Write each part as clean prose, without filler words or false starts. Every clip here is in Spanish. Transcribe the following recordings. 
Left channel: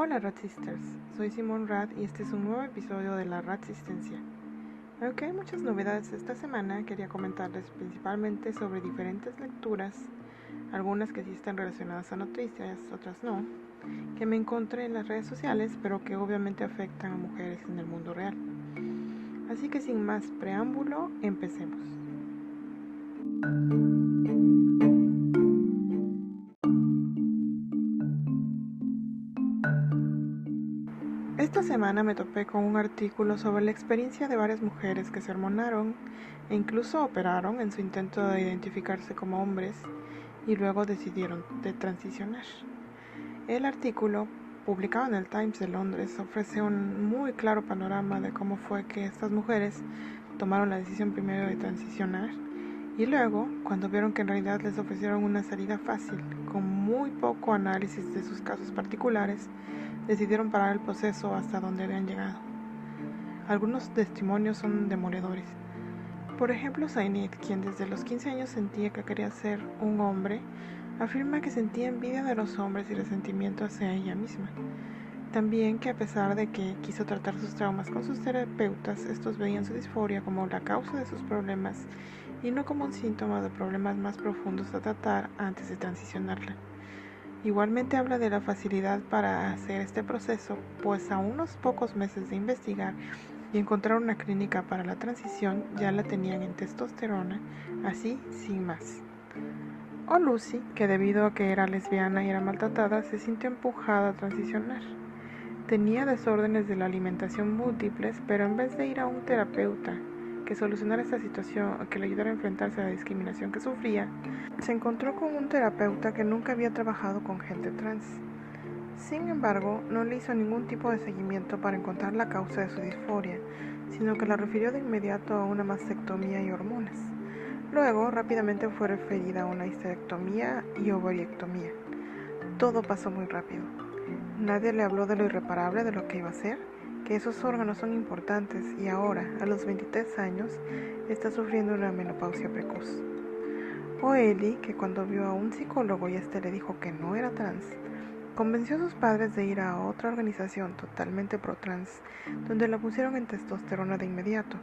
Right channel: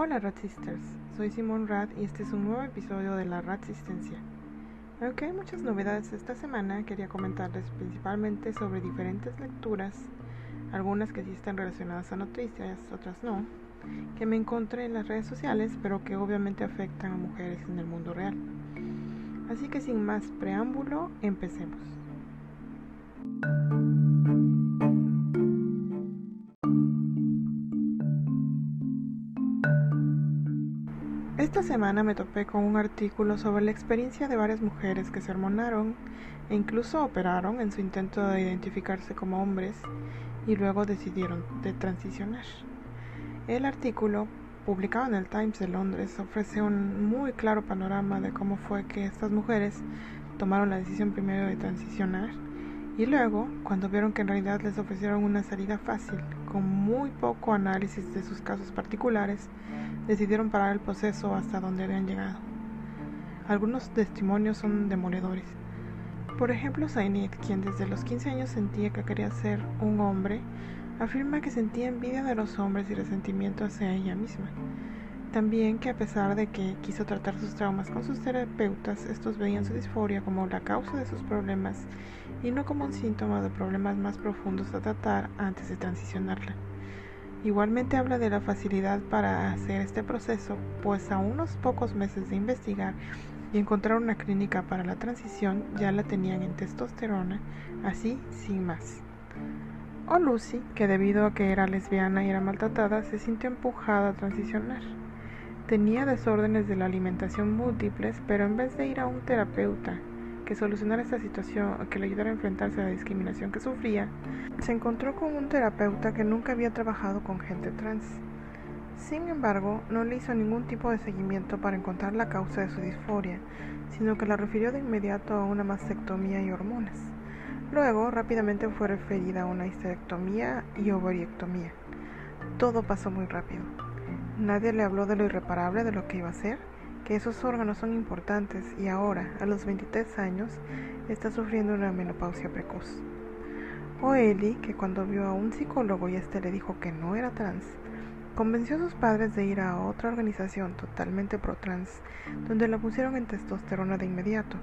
Hola Rat Sisters, soy Simón Rat y este es un nuevo episodio de la Ratsistencia. Aunque hay muchas novedades esta semana, quería comentarles principalmente sobre diferentes lecturas, algunas que sí están relacionadas a noticias, otras no, que me encontré en las redes sociales, pero que obviamente afectan a mujeres en el mundo real. Así que sin más preámbulo, empecemos. Esta semana me topé con un artículo sobre la experiencia de varias mujeres que se hormonaron e incluso operaron en su intento de identificarse como hombres y luego decidieron de transicionar. El artículo, publicado en el Times de Londres, ofrece un muy claro panorama de cómo fue que estas mujeres tomaron la decisión primero de transicionar y luego, cuando vieron que en realidad les ofrecieron una salida fácil, con muy poco análisis de sus casos particulares, decidieron parar el proceso hasta donde habían llegado. Algunos testimonios son demoledores. Por ejemplo, Zainid, quien desde los 15 años sentía que quería ser un hombre, afirma que sentía envidia de los hombres y resentimiento hacia ella misma. También que a pesar de que quiso tratar sus traumas con sus terapeutas, estos veían su disforia como la causa de sus problemas y no como un síntoma de problemas más profundos a tratar antes de transicionarla. Igualmente habla de la facilidad para hacer este proceso, pues a unos pocos meses de investigar y encontrar una clínica para la transición ya la tenían en testosterona, así sin más. O Lucy, que debido a que era lesbiana y era maltratada, se sintió empujada a transicionar. Tenía desórdenes de la alimentación múltiples, pero en vez de ir a un terapeuta que solucionara esta situación o que le ayudara a enfrentarse a la discriminación que sufría, se encontró con un terapeuta que nunca había trabajado con gente trans. Sin embargo, no le hizo ningún tipo de seguimiento para encontrar la causa de su disforia, sino que la refirió de inmediato a una mastectomía y hormonas. Luego, rápidamente fue referida a una histerectomía y ovariectomía. Todo pasó muy rápido. Nadie le habló de lo irreparable de lo que iba a hacer, que esos órganos son importantes y ahora, a los 23 años, está sufriendo una menopausia precoz. O Ellie, que cuando vio a un psicólogo y este le dijo que no era trans, convenció a sus padres de ir a otra organización totalmente pro-trans, donde la pusieron en testosterona de inmediato,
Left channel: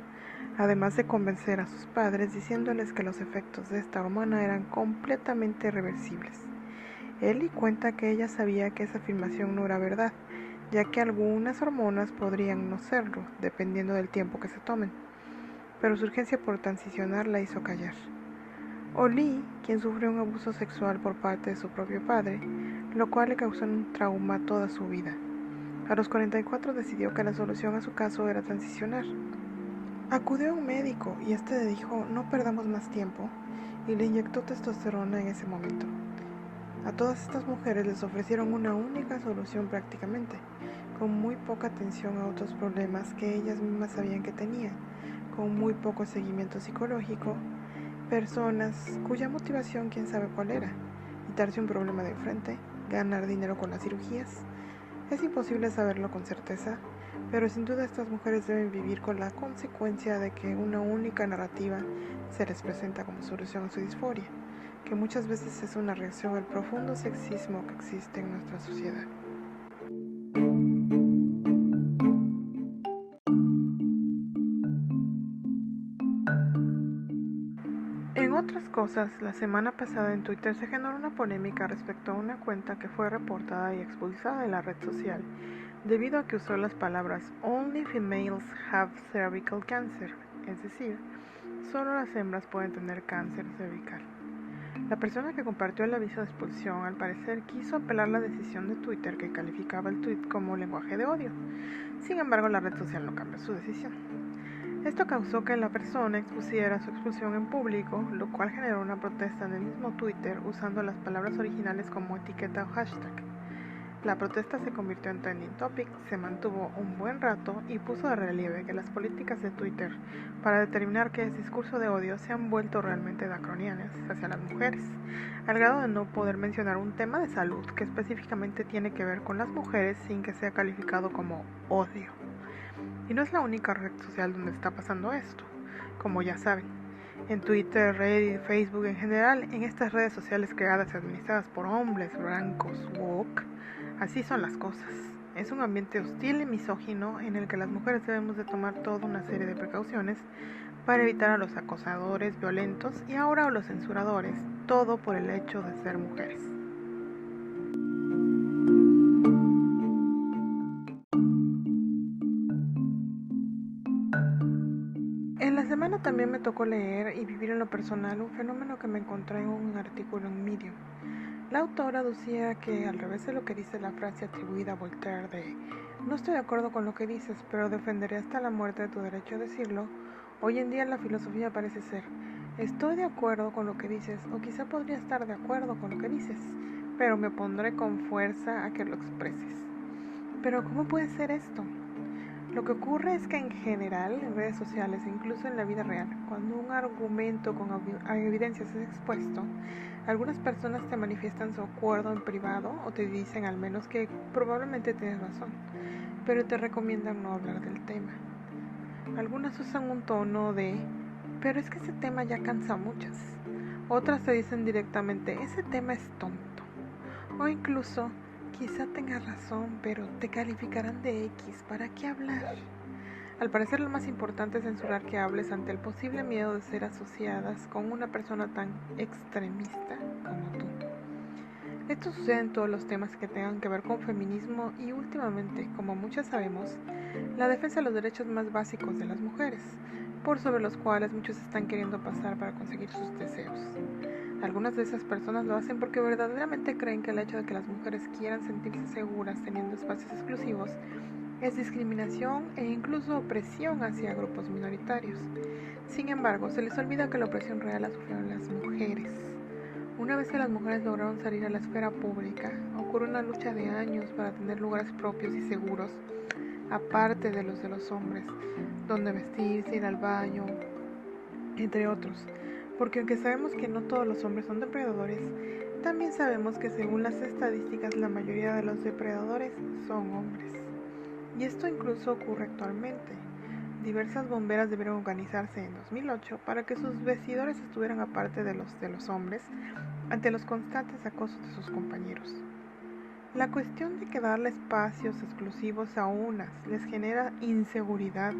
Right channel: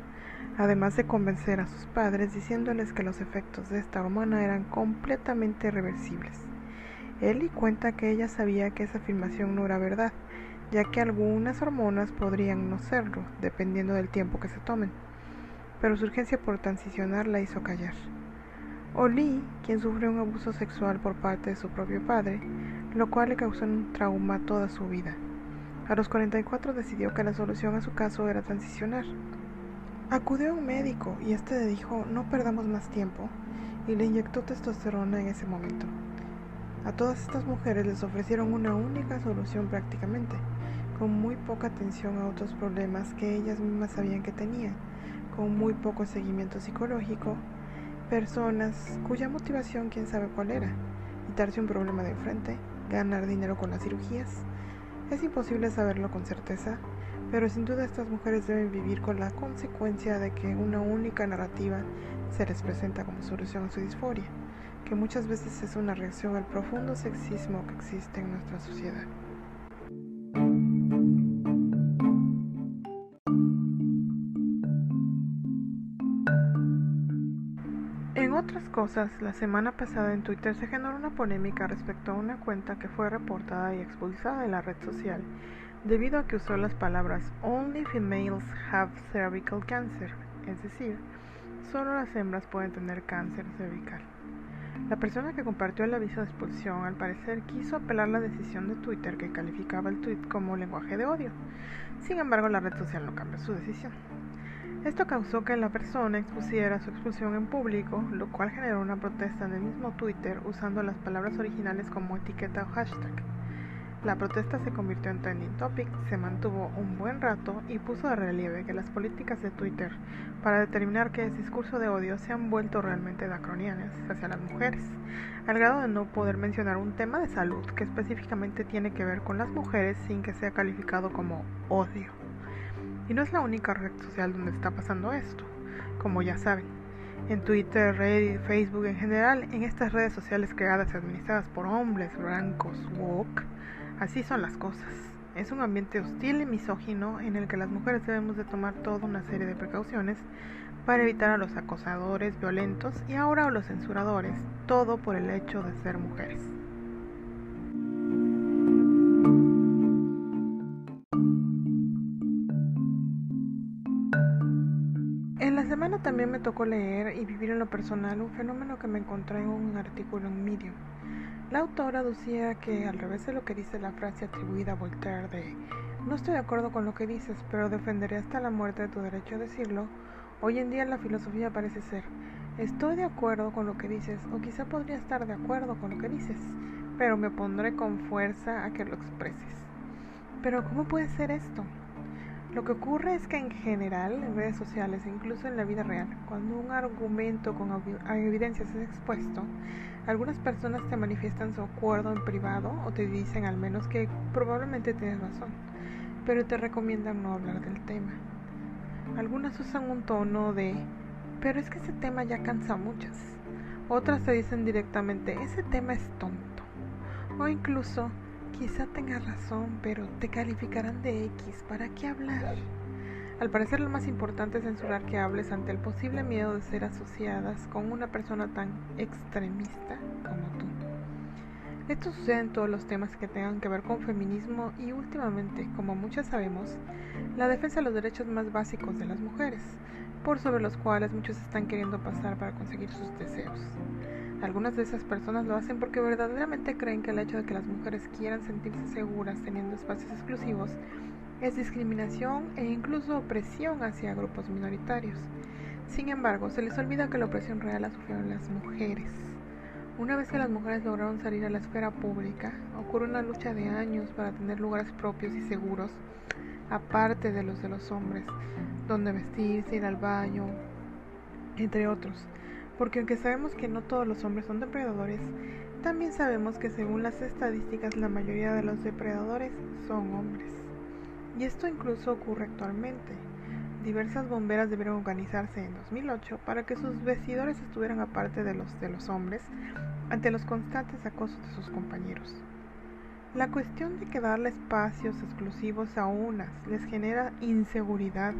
además de convencer a sus padres diciéndoles que los efectos de esta hormona eran completamente reversibles. Ellie cuenta que ella sabía que esa afirmación no era verdad, ya que algunas hormonas podrían no serlo, dependiendo del tiempo que se tomen, pero su urgencia por transicionar la hizo callar. O Lee, quien sufrió un abuso sexual por parte de su propio padre, lo cual le causó un trauma toda su vida. A los 44 decidió que la solución a su caso era transicionar. Acudió a un médico y este le dijo no perdamos más tiempo y le inyectó testosterona en ese momento. A todas estas mujeres les ofrecieron una única solución prácticamente, con muy poca atención a otros problemas que ellas mismas sabían que tenían, con muy poco seguimiento psicológico, personas cuya motivación quién sabe cuál era, quitarse un problema de enfrente, ganar dinero con las cirugías. Es imposible saberlo con certeza, pero sin duda estas mujeres deben vivir con la consecuencia de que una única narrativa se les presenta como solución a su disforia, que muchas veces es una reacción al profundo sexismo que existe en nuestra sociedad. En otras cosas, la semana pasada en Twitter se generó una polémica respecto a una cuenta que fue reportada y expulsada de la red social debido a que usó las palabras "Only females have cervical cancer", es decir, solo las hembras pueden tener cáncer cervical. La persona que compartió el aviso de expulsión al parecer quiso apelar la decisión de Twitter que calificaba el tweet como lenguaje de odio. Sin embargo, la red social no cambió su decisión. Esto causó que la persona expusiera su expulsión en público, lo cual generó una protesta en el mismo Twitter usando las palabras originales como etiqueta o hashtag. La protesta se convirtió en trending topic, se mantuvo un buen rato y puso de relieve que las políticas de Twitter para determinar qué es discurso de odio se han vuelto realmente draconianas hacia las mujeres, al grado de no poder mencionar un tema de salud que específicamente tiene que ver con las mujeres sin que sea calificado como odio. Y no es la única red social donde está pasando esto, como ya saben. En Twitter, Reddit, Facebook en general, en estas redes sociales creadas y administradas por hombres blancos woke, así son las cosas. Es un ambiente hostil y misógino en el que las mujeres debemos de tomar toda una serie de precauciones para evitar a los acosadores violentos y ahora a los censuradores, todo por el hecho de ser mujeres. En la semana también me tocó leer y vivir en lo personal un fenómeno que me encontré en un artículo en Medium. La autora decía que, al revés de lo que dice la frase atribuida a Voltaire de "no estoy de acuerdo con lo que dices, pero defenderé hasta la muerte de tu derecho a decirlo", hoy en día la filosofía parece ser "estoy de acuerdo con lo que dices, o quizá podría estar de acuerdo con lo que dices, pero me opondré con fuerza a que lo expreses". Pero ¿cómo puede ser esto? Lo que ocurre es que en general, en redes sociales e incluso en la vida real, cuando un argumento con evidencias es expuesto, algunas personas te manifiestan su acuerdo en privado o te dicen al menos que probablemente tienes razón, pero te recomiendan no hablar del tema. Algunas usan un tono de "pero es que ese tema ya cansa a muchas". Otras te dicen directamente "ese tema es tonto". O incluso "quizá tengas razón, pero te calificarán de X, ¿para qué hablar?". Al parecer lo más importante es censurar que hables ante el posible miedo de ser asociadas con una persona tan extremista como tú. Esto sucede en todos los temas que tengan que ver con feminismo y últimamente, como muchos sabemos, la defensa de los derechos más básicos de las mujeres, por sobre los cuales muchos están queriendo pasar para conseguir sus deseos. Algunas de esas personas lo hacen porque verdaderamente creen que el hecho de que las mujeres quieran sentirse seguras teniendo espacios exclusivos es discriminación e incluso opresión hacia grupos minoritarios. Sin embargo, se les olvida que la opresión real la sufrieron las mujeres. Una vez que las mujeres lograron salir a la esfera pública, ocurrió una lucha de años para tener lugares propios y seguros, aparte de los hombres, donde vestirse, ir al baño, entre otros. Porque aunque sabemos que no todos los hombres son depredadores, también sabemos que según las estadísticas la mayoría de los depredadores son hombres. Y esto incluso ocurre actualmente. Diversas bomberas debieron organizarse en 2008 para que sus vestidores estuvieran aparte de los hombres ante los constantes acosos de sus compañeros. La cuestión de que darle espacios exclusivos a unas les genera inseguridad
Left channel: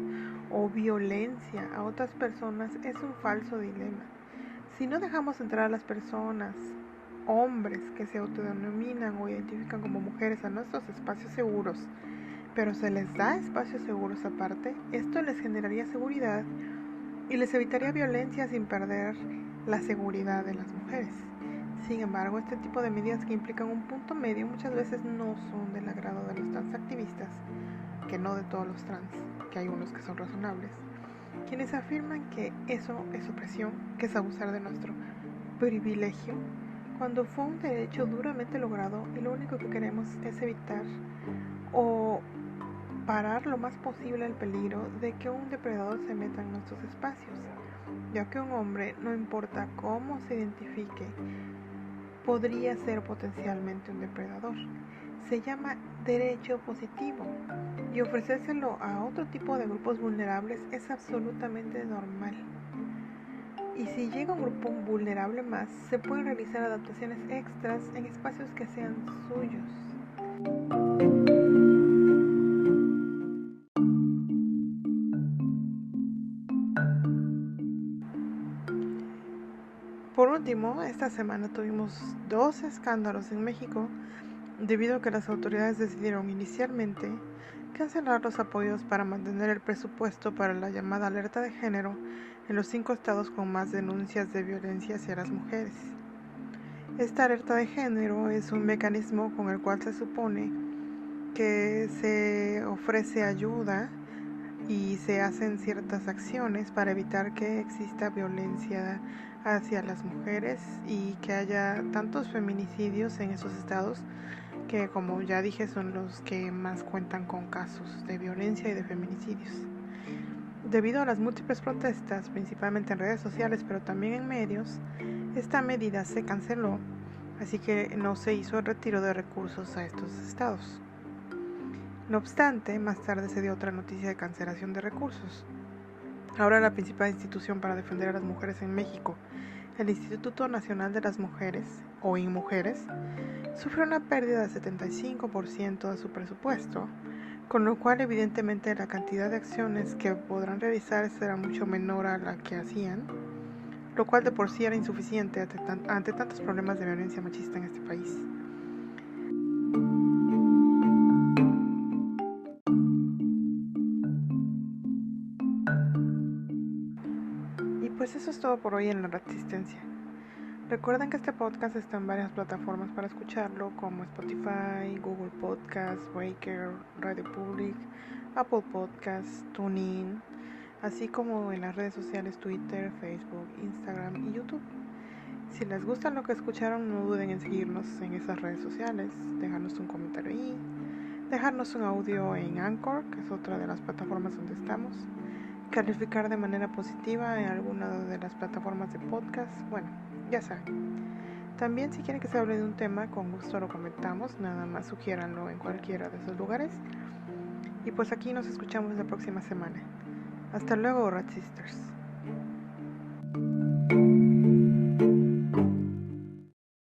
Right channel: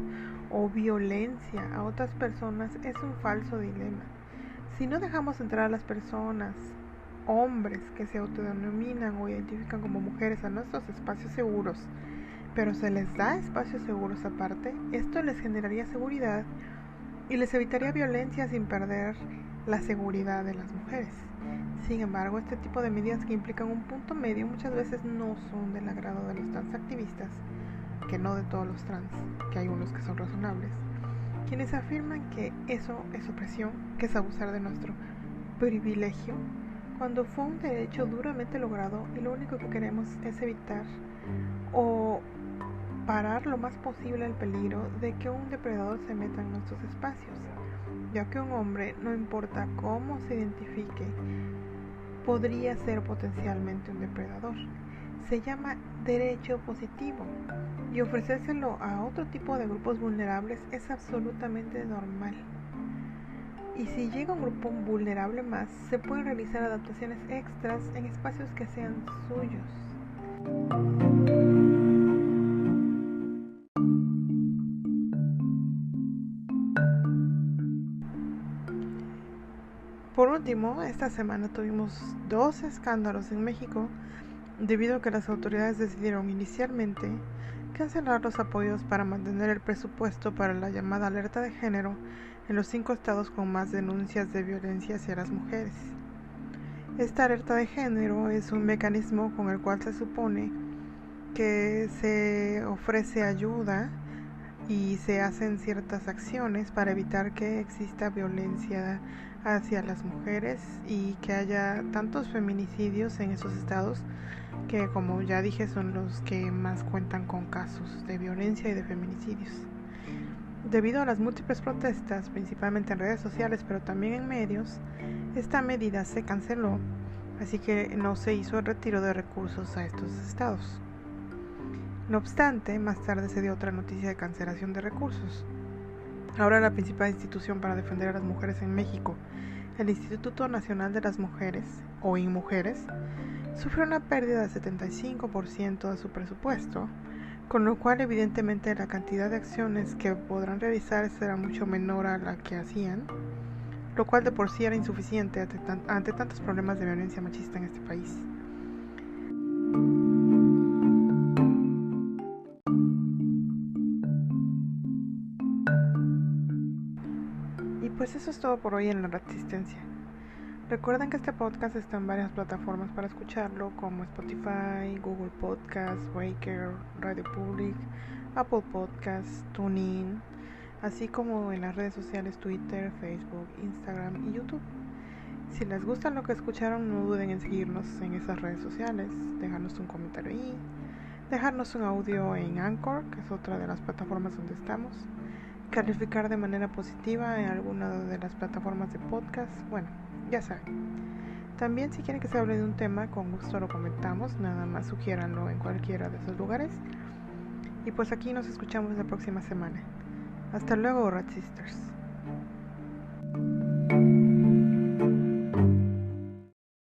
o violencia a otras personas es un falso dilema. Si no dejamos entrar a las personas, hombres que se autodenominan o identifican como mujeres a nuestros espacios seguros, pero se les da espacios seguros aparte, esto les generaría seguridad y les evitaría violencia sin perder la seguridad de las mujeres. Sin embargo, este tipo de medidas que implican un punto medio muchas veces no son del agrado de los transactivistas, que no de todos los trans, que hay unos que son razonables, quienes afirman que eso es opresión, que es abusar de nuestro privilegio, cuando fue un derecho duramente logrado y lo único que queremos es evitar o parar lo más posible el peligro de que un depredador se meta en nuestros espacios, ya que un hombre, no importa cómo se identifique, podría ser potencialmente un depredador. Se llama derecho positivo y ofrecérselo a otro tipo de grupos vulnerables es absolutamente normal. Y si llega un grupo vulnerable más, se pueden realizar adaptaciones extras en espacios que sean suyos. Por último, esta semana tuvimos 2 escándalos en México debido a que las autoridades decidieron inicialmente cancelar los apoyos para mantener el presupuesto para la llamada alerta de género en los 5 estados con más denuncias de violencia hacia las mujeres. Esta alerta de género es un mecanismo con el cual se supone que se ofrece ayuda y se hacen ciertas acciones para evitar que exista violencia hacia las mujeres y que haya tantos feminicidios en esos estados que, como ya dije, son los que más cuentan con casos de violencia y de feminicidios. Debido a las múltiples protestas, principalmente en redes sociales pero también en medios, esta medida se canceló, así que no se hizo el retiro de recursos a estos estados. No obstante, más tarde se dio otra noticia de cancelación de recursos. Ahora la principal institución para defender a las mujeres en México, el Instituto Nacional de las Mujeres, o INMujeres, sufrió una pérdida del 75% de su presupuesto, con lo cual evidentemente la cantidad de acciones que podrán realizar será mucho menor a la que hacían, lo cual de por sí era insuficiente ante tantos problemas de violencia machista en este país. Y pues eso es todo por hoy en La Resistencia. Recuerden que este podcast está en varias plataformas para escucharlo, como Spotify, Google Podcast, Breaker, Radio Public, Apple Podcast, TuneIn, así como en las redes sociales Twitter, Facebook, Instagram y YouTube. Si les gusta lo que escucharon, no duden en seguirnos en esas redes sociales, dejarnos un comentario ahí, dejarnos un audio en Anchor, que es otra de las plataformas donde estamos, calificar de manera positiva en alguna de las plataformas de podcast, bueno, ya saben. También si quieren que se hable de un tema, con gusto lo comentamos, nada más sugiéranlo en cualquiera de esos lugares. Y pues aquí nos escuchamos la próxima semana. Hasta luego, Rat Sisters.